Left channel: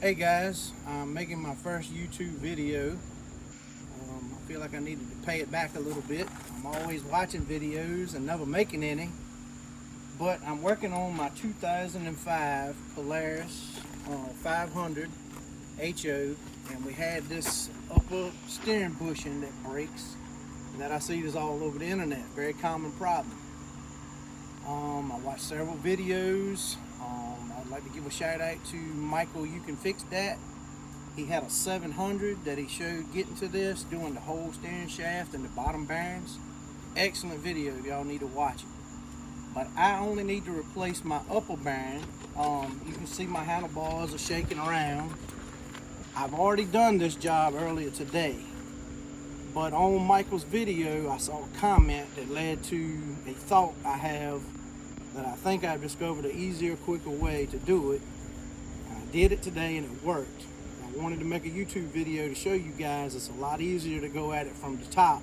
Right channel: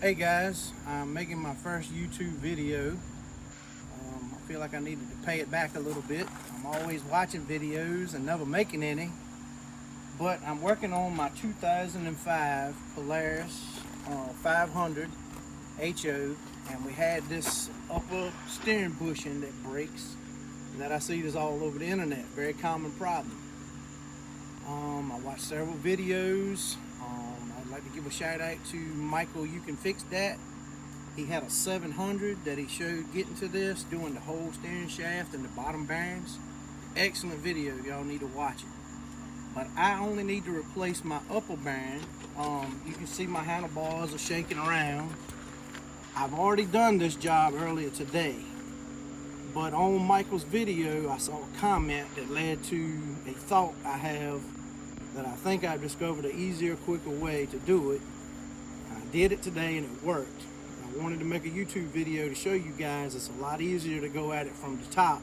Hey guys, I'm making my first YouTube video. I feel like I needed to pay it back a little bit. I'm always watching videos and never making any, but I'm working on my 2005 Polaris 500 HO, and we had this upper steering bushing that breaks that I see is all over the internet. Very common problem. I watched several videos. I'd like to give a shout out to Michael, You Can Fix That. He had a 700 that he showed getting to this, doing the whole steering shaft and the bottom bearings. Excellent video, y'all need to watch it. But I only need to replace my upper bearing. You can see my handlebars are shaking around. I've already done this job earlier today, but on Michael's video I saw a comment that led to a thought I have that I think I've discovered an easier, quicker way to do it. I did it today and it worked. I wanted to make a YouTube video to show you guys it's a lot easier to go at it from the top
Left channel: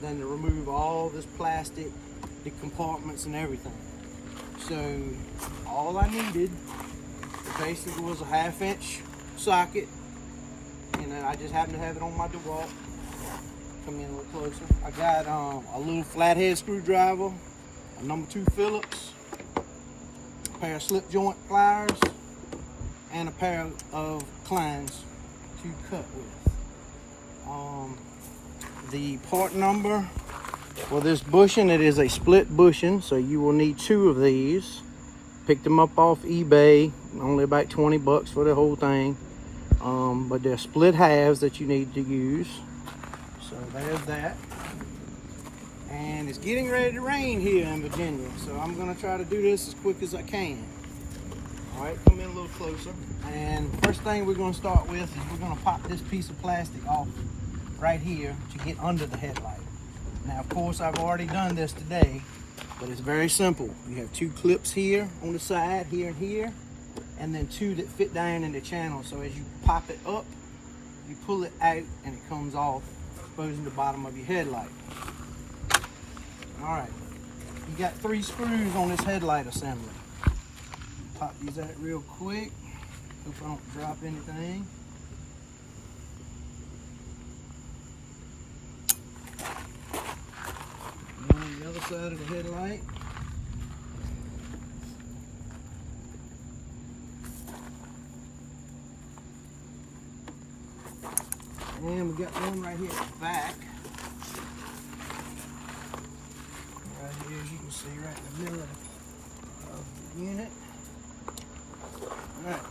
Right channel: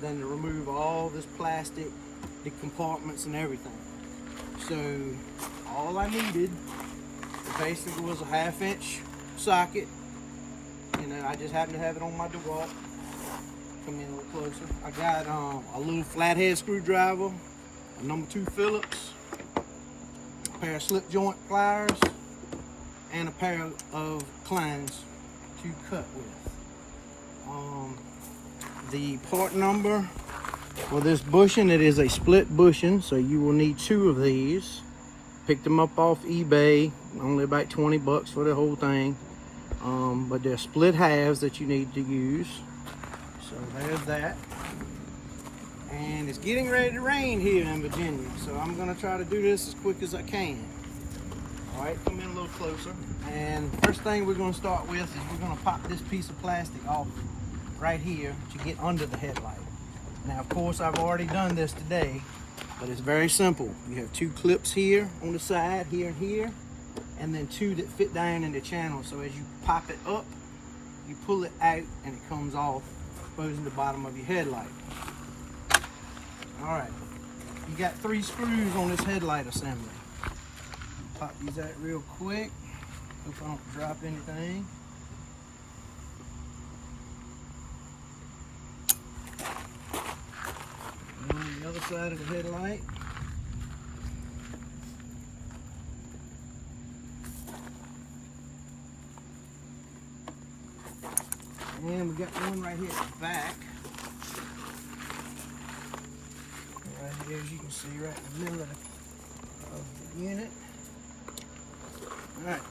than to remove all this plastic, the compartments and everything. So all I needed basically was a 1/2 inch socket, and I just happen to have it on my DeWalt. Come in a little closer. I got a little flathead screwdriver, a number 2 Phillips, a pair of slip joint pliers, and a pair of clowns to cut with. The part number for this bushing, it is a split bushing, so you will need 2 of these. Picked them up off eBay, only about 20 bucks for the whole thing. But they're split halves that you need to use. So there's that. And it's getting ready to rain here in Virginia, so I'm gonna try to do this as quick as I can. All right, come in a little closer. And the first thing we're gonna start with is we're gonna pop this piece of plastic off right here to get under the headlight. Now, of course, I've already done this today, but it's very simple. You have 2 clips here on the side, here and here, and then 2 that fit down in the channel. So as you pop it up, you pull it out and it comes off, exposing the bottom of your headlight. All right, you got 3 screws on this headlight assembly. Pop these out real quick, if I don't drop anything. And on the other side of the headlight. And we got one right here at the back. Right here, as you can see, right in the middle of the unit. All right.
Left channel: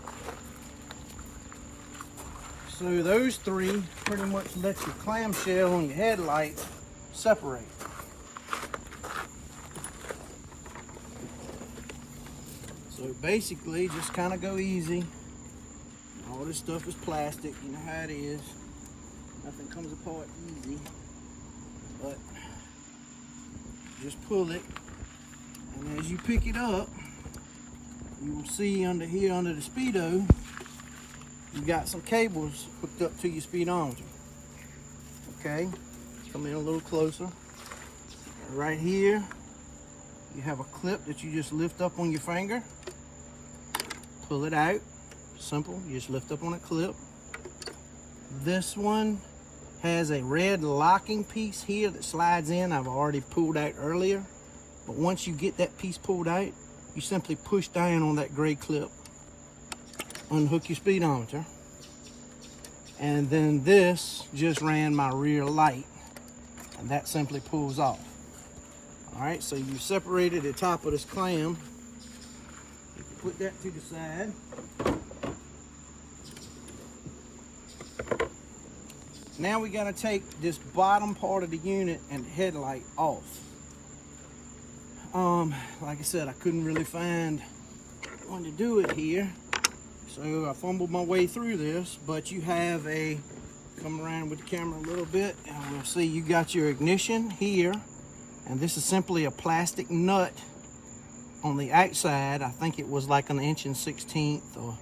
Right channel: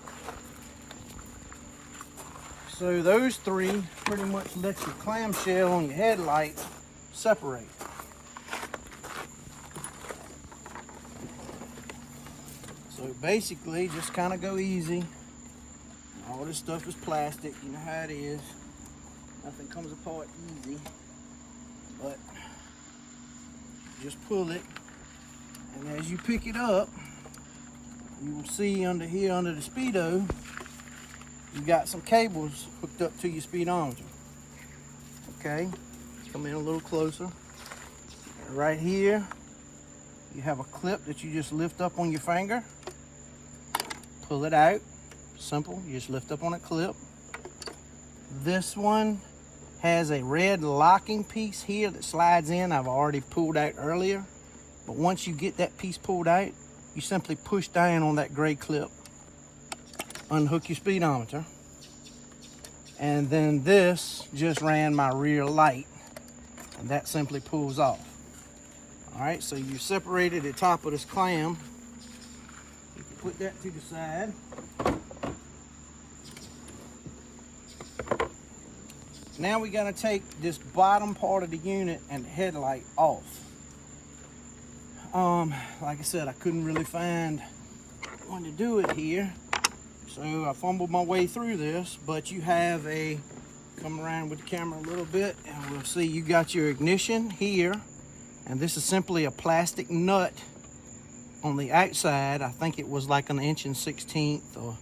So those 3 pretty much let your clamshell on your headlight separate. So basically, just kind of go easy. All this stuff is plastic, you know how it is. Nothing comes apart easy, but just pull it, and as you pick it up, you will see under here, under the speedo, you got some cables hooked up to your speedometer. Okay, come in a little closer. Right here, you have a clip that you just lift up on your finger, pull it out. Simple, you just lift up on a clip. This one has a red locking piece here that slides in. I've already pulled out earlier, but once you get that piece pulled out, you simply push down on that gray clip, unhook your speedometer, and then this just ran my rear light, and that simply pulls off. All right, so you separated the top of this clam. You can put that to the side. Now we gotta take this bottom part of the unit and the headlight off. Like I said, I couldn't really find one to do it here, so I fumbled my way through this. But you have a, come around with the camera a little bit, and we'll see you got your ignition here, and this is simply a plastic nut on the outside. I think it was like an 1/16 or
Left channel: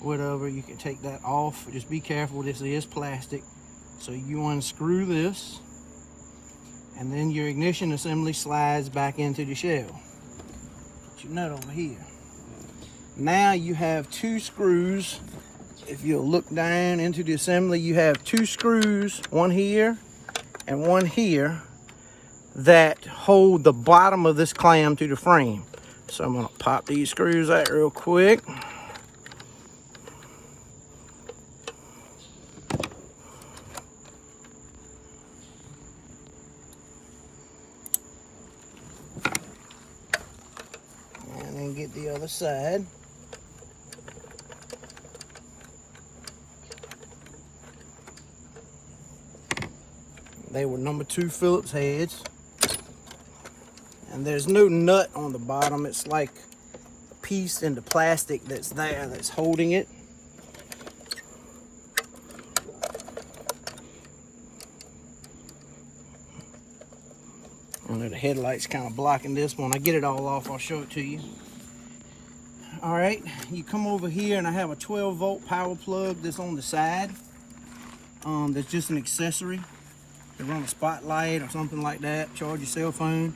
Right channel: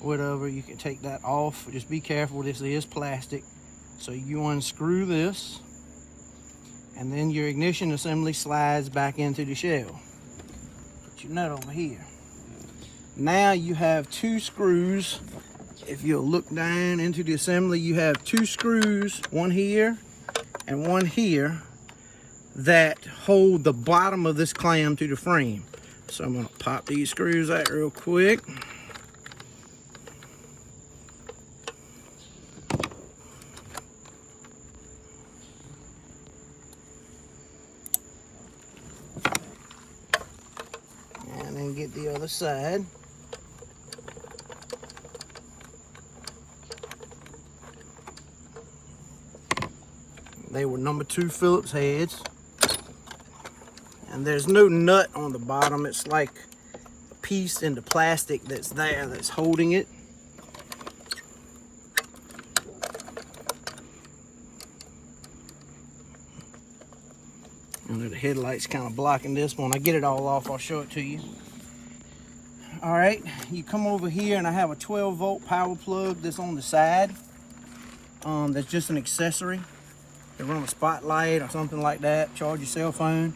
whatever. You can take that off. Just be careful, this is plastic. So you unscrew this, and then your ignition assembly slides back into the shell. Put your nut over here. Now you have 2 screws if you'll look down into the assembly, you have 2 screws, one here and one here, that hold the bottom of this clam to the frame. So I'm gonna pop these screws out real quick. And then get the other side. They were number 2 Phillips heads. And there's no nut on the bottom. It's like a piece in the plastic that's there that's holding it. And the headlight's kind of blocking this. When I get it all off, I'll show it to you. All right, you come over here and I have a 12-volt power plug that's on the side. That's just an accessory. You run a spotlight or something like that, charge your cell phone.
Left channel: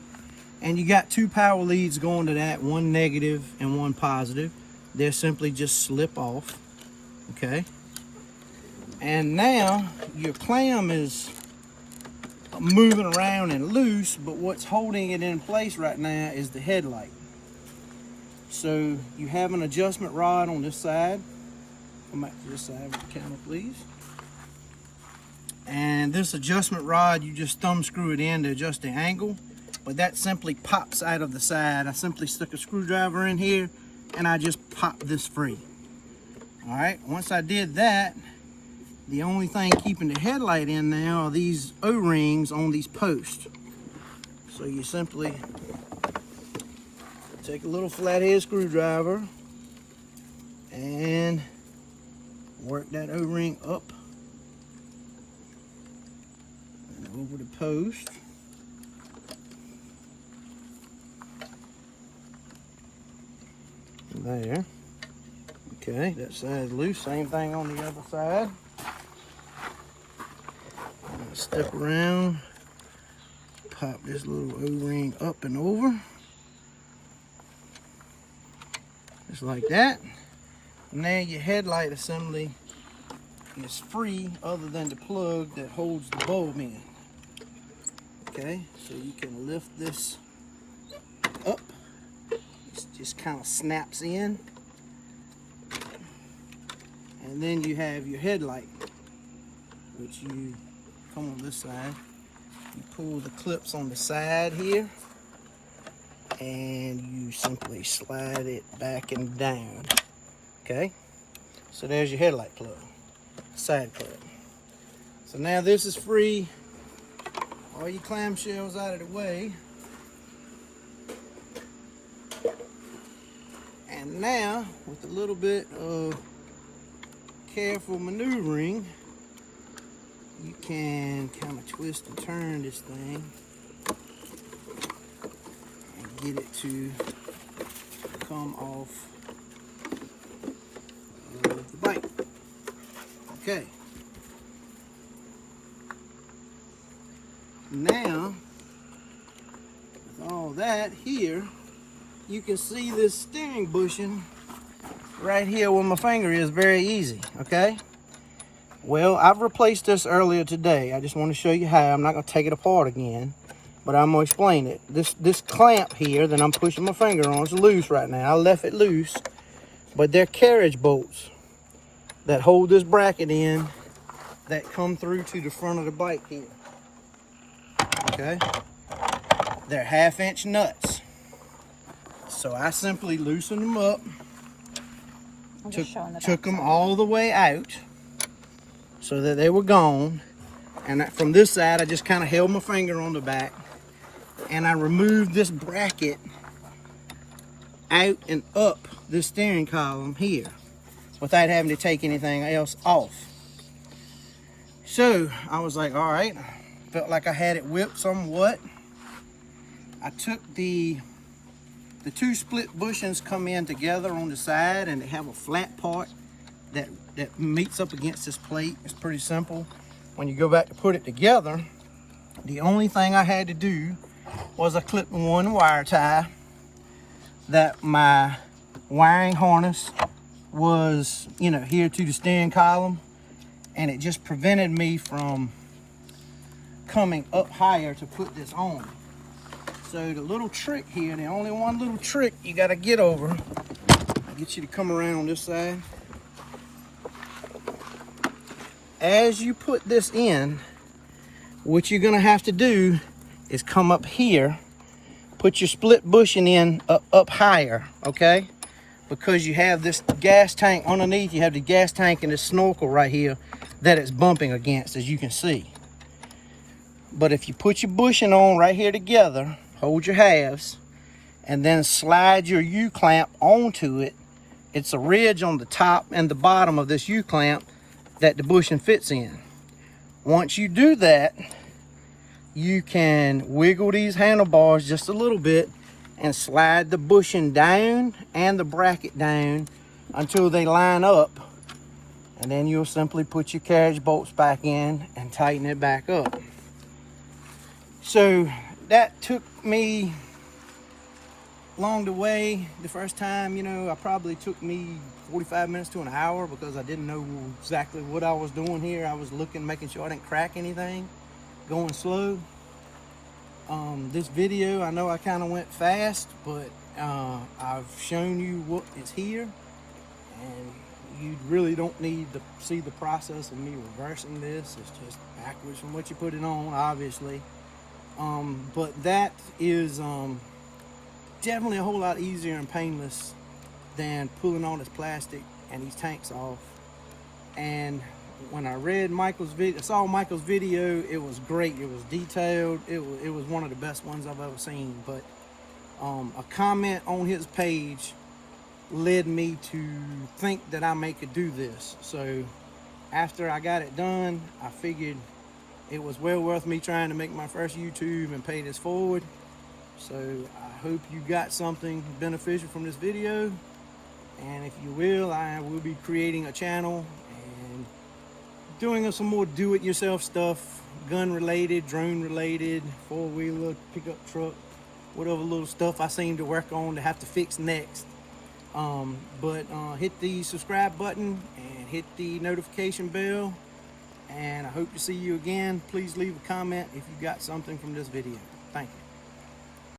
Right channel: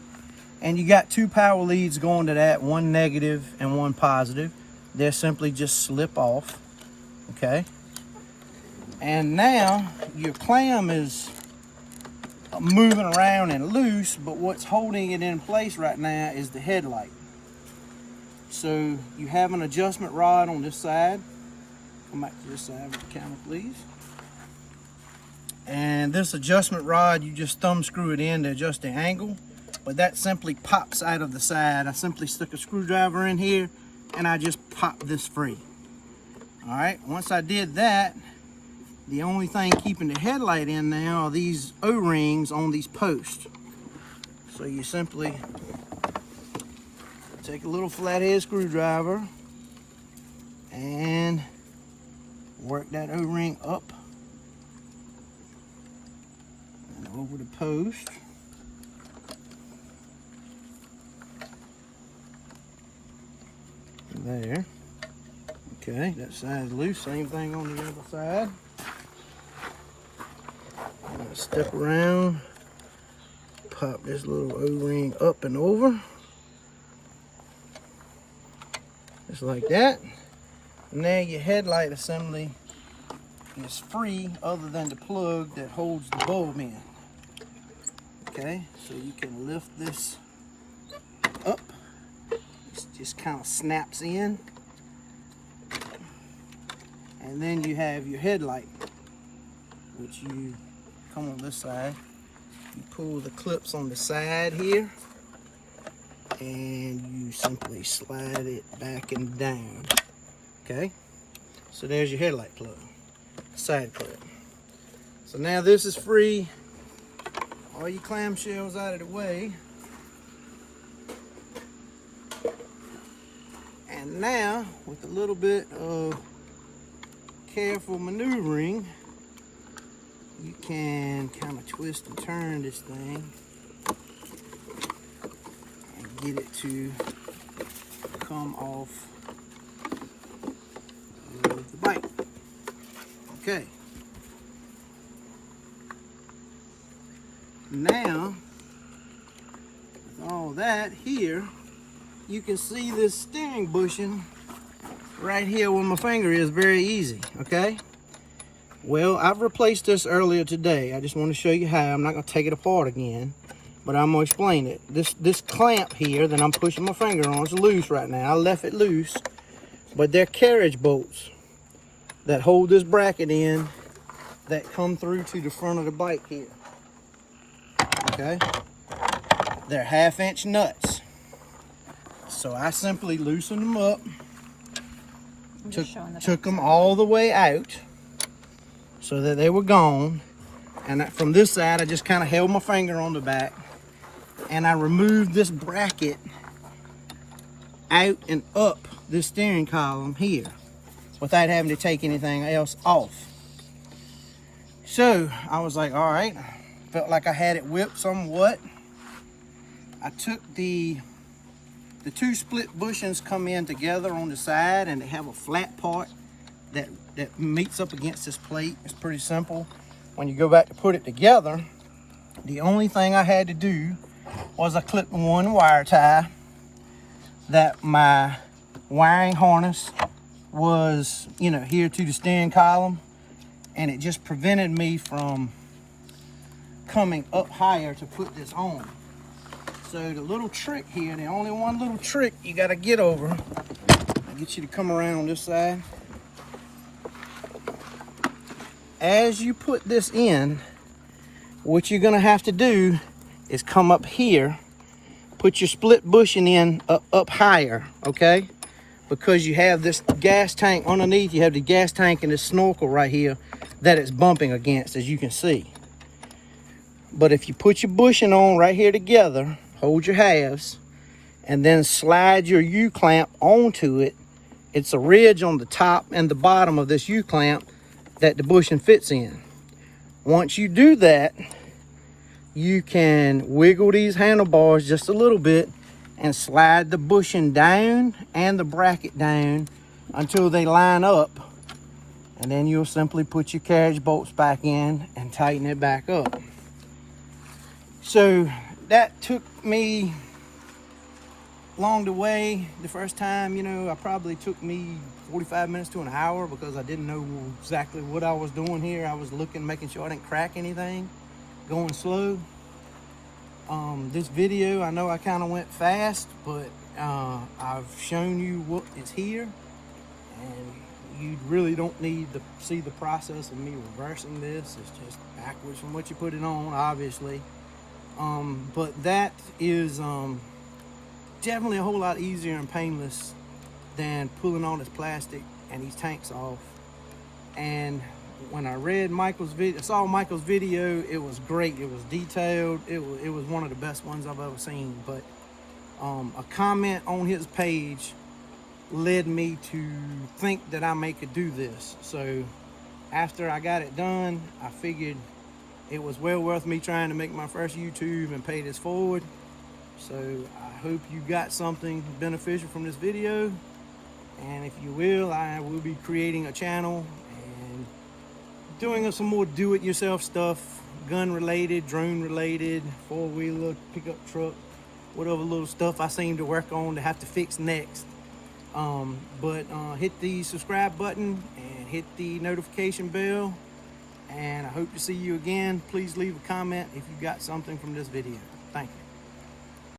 And you got 2 power leads going to that, one negative and one positive. They'll simply just slip off, okay? And now your clam is moving around and loose, but what's holding it in place right now is the headlight. So you have an adjustment rod on this side. Come back to this side of the camera, please. And this adjustment rod, you just thumb screw it in to adjust the angle, but that simply pops out of the side. I simply stuck a screwdriver in here and I just popped this free. All right, once I did that, the only thing keeping the headlight in now are these O-rings on these posts. So you simply take a little flathead screwdriver and work that O-ring up and over the post. There. Okay, that side's loose. Same thing on the other side. Step around, pop this little O-ring up and over. Just like that. And now your headlight assembly is free other than the plug that holds the bulb in. Okay, so you can lift this up. It just kind of snaps in. And then you have your headlight, which you come on this side. You pull the clips on the side here, and you simply slide it back and down. Okay, so there's your headlight plug, side plug. So now this is free. All your clamshells out of the way. And now, with a little bit of careful maneuvering, you can kind of twist and turn this thing and get it to come off of the bike. Okay. Now, with all that here, you can see this steering bushing right here where my finger is very easy, okay? Well, I've replaced this earlier today. I just want to show you how. I'm not going to take it apart again, but I'm going to explain it. This clamp here that I'm pushing my finger on is loose right now. I left it loose, but they're carriage bolts that hold this bracket in that come through to the front of the bike here. Okay? They're 1/2-inch nuts. So I simply loosened them up, took them all the way out so that they were gone. And from this side, I just kind of held my finger on the back and I removed this bracket out and up the steering column here without having to take anything else off. So I was like, all right, felt like I had it whipped somewhat. I took the 2 split bushings come in together on the side, and they have a flat part that meets up against this plate. It's pretty simple. When you go back to put it together, the only thing I had to do was a clip-on wire tie that my wiring harness was, you know, here to the steering column, and it just prevented me from coming up higher to put this on. So the little trick here, the only one little trick you got to get over, I'll get you to come around this side. As you put this in, what you're going to have to do is come up here, put your split bushing in up higher, okay? Because you have this gas tank underneath, you have the gas tank and the snorkel right here that it's bumping against, as you can see. But if you put your bushing on right here together, hold your halves, and then slide your U-clamp onto it, it's a ridge on the top and the bottom of this U-clamp that the bushing fits in. Once you do that, you can wiggle these handlebars just a little bit and slide the bushing down and the bracket down until they line up. And then you'll simply put your carriage bolts back in and tighten it back up. So that took me along the way. The first time, you know, it probably took me 45 minutes to an hour because I didn't know exactly what I was doing here. I was looking, making sure I didn't crack anything, going slow. This video, I know I kind of went fast, but I've shown you what is here. You really don't need to see the process of me reversing this. It's just backwards from what you put it on, obviously. But that is definitely a whole lot easier and painless than pulling all this plastic and these tanks off. And when I read Michael's video, saw Michael's video, it was great. It was detailed. It was one of the best ones I've ever seen. But a comment on his page led me to think that I could do this. So after I got it done, I figured it was well worth me trying to make my first YouTube and pay this forward. So I hope you got something beneficial from this video. And if you will, I will be creating a channel and doing some more do-it-yourself stuff, gun-related, drone-related, four-wheeler, pickup truck, whatever little stuff I seem to work on to have to fix next. Hit the subscribe button and hit the notification bell, and I hope to see you again. Please leave a comment if you got something from this video. Thank you.